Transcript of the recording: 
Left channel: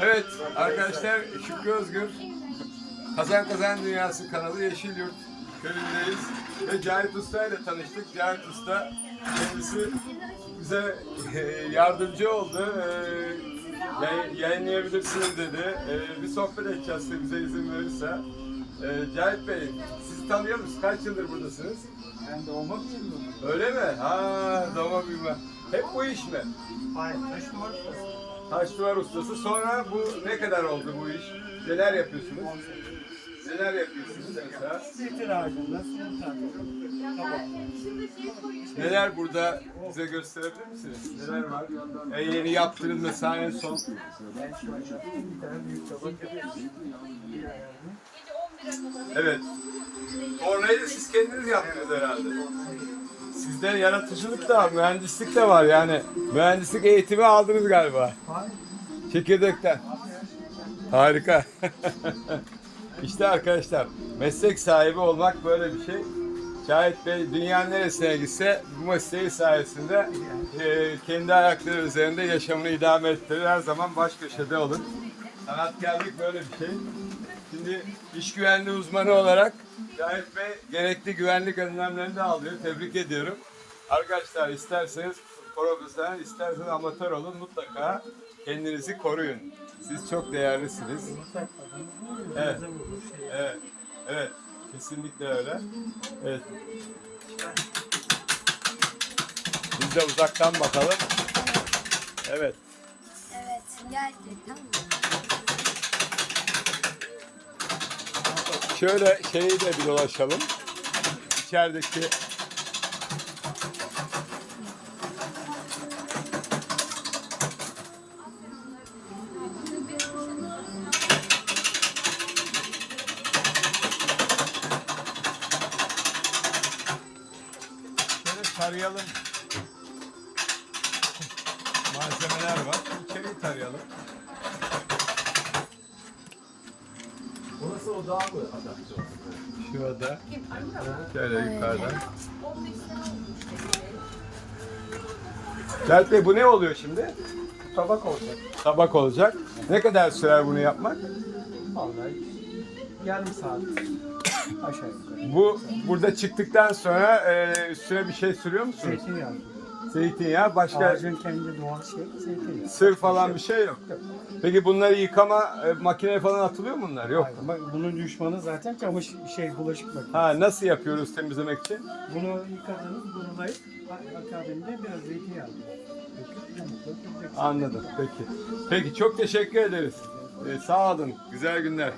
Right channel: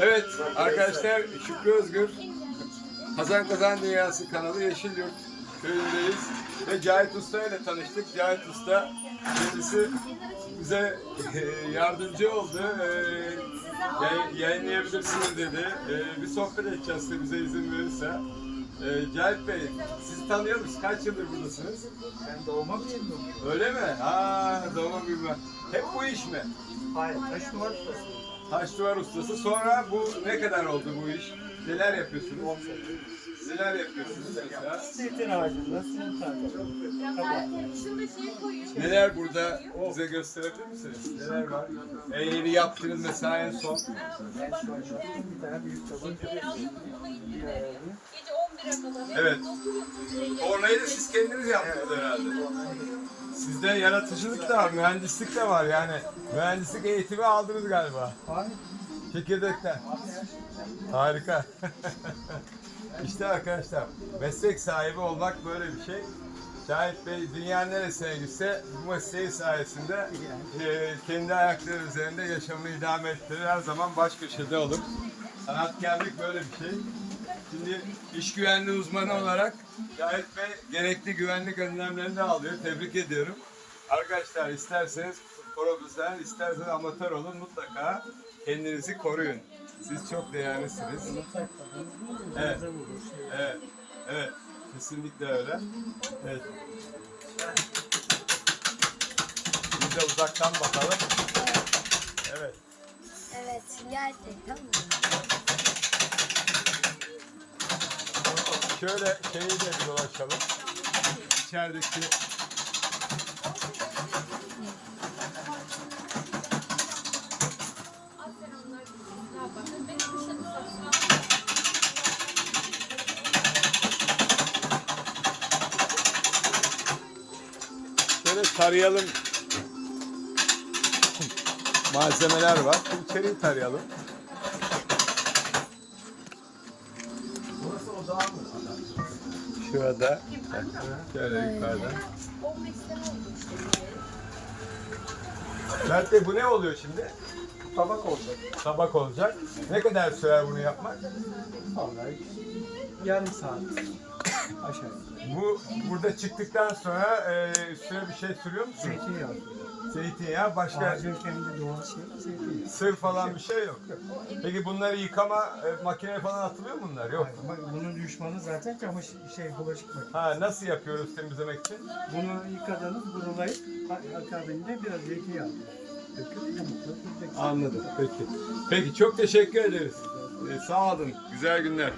Evet arkadaşlar Şükrü Özgür Kazan Kazan Dünyası kanalı Yeşilyurt köyündeyiz ve Cahit Usta ile tanıştık. Cahit Usta kendisi bize e, yardımcı oldu. E, yay- yayınlayabilirsiniz dedi. E, bir sohbet edeceğiz bize izin verirse. E, Cahit Bey sizi tanıyor musunuz? Kaç yıldır buradasınız? Ben doğma büyüdüm. Öyle mi? Ha, doğma büyüme. Hep bu iş mi? Hayır, taş duvar ustası. Taş duvar ustası. Sonra bu ne kadar oldu bu iş? Neler yapıyorsunuz? Neler yapıyorsunuz mesela? Zeytin ağacında. Neler burada bize gösterebilir misiniz? Neler var? En yeni yaptığınız mesela en son. En son yaptığım bir tane büyük tabak yapıyorum. Bir ayarını. Evet. Orayı da siz kendiniz yaptınız herhalde. Sizde yaratıcılık da var, mühendislik de var yani. Mühendislik eğitimi aldınız galiba. Çekirdekten. Harika. işte arkadaşlar meslek sahibi olmak böyle bir şey. Şahit Bey dünya neresine gitse bu mesleği sayesinde e, kendi ayakları üzerinde yaşamını idame ettirir. Her zaman baş köşede olur. Sanatkarlık böyle bir şey. Şimdi iş güvenliği uzmanı olarak Şahit Bey gerekli güvenlik önlemlerini alıyor. Tebrik ediyorum. Arkadaşlar isterseniz profesyonel, isterseniz amatör olun mutlaka kendinizi koruyun. Siz çok değerlisiniz. Evet. Evet, evet. Kesinlikle öyle. Evet. Biz de uzaktan bakalım. Evet. Evet gerçekten mi? Şöyle şeyi de bir dolaşalım. İçerideki Şöyle tarayalım. Malzemeler var. İçeriği tarayalım. Şurada. Şöyle yukarıdan. Mert Bey bu ne oluyor şimdi? Tabak olacak. Tabak olacak. Ne kadar sürer bunu yapmak? Vallahi yarım saat aşağı yukarı. Bu burada çıktıktan sonra e, üstüne bir şey sürüyor musunuz? Zeytinyağı. Zeytinyağı, başka Ağacın kendi doğal şeyi zeytinyağı. sır falan bir şey yok. Peki bunları yıkama e, makineye falan atılıyor mu bunlar? Yok. Hayır, bak bunun düşmanı zaten çamaşır şey bulaşık makinesi. Ha nasıl yapıyoruz temizlemek için? Bunu yıkadınız, kurulayıp a- akabinde biraz zeytinyağı döküp. Anladım. Peki. Peki çok teşekkür ederiz. Ee, sağ olun. Güzel günler.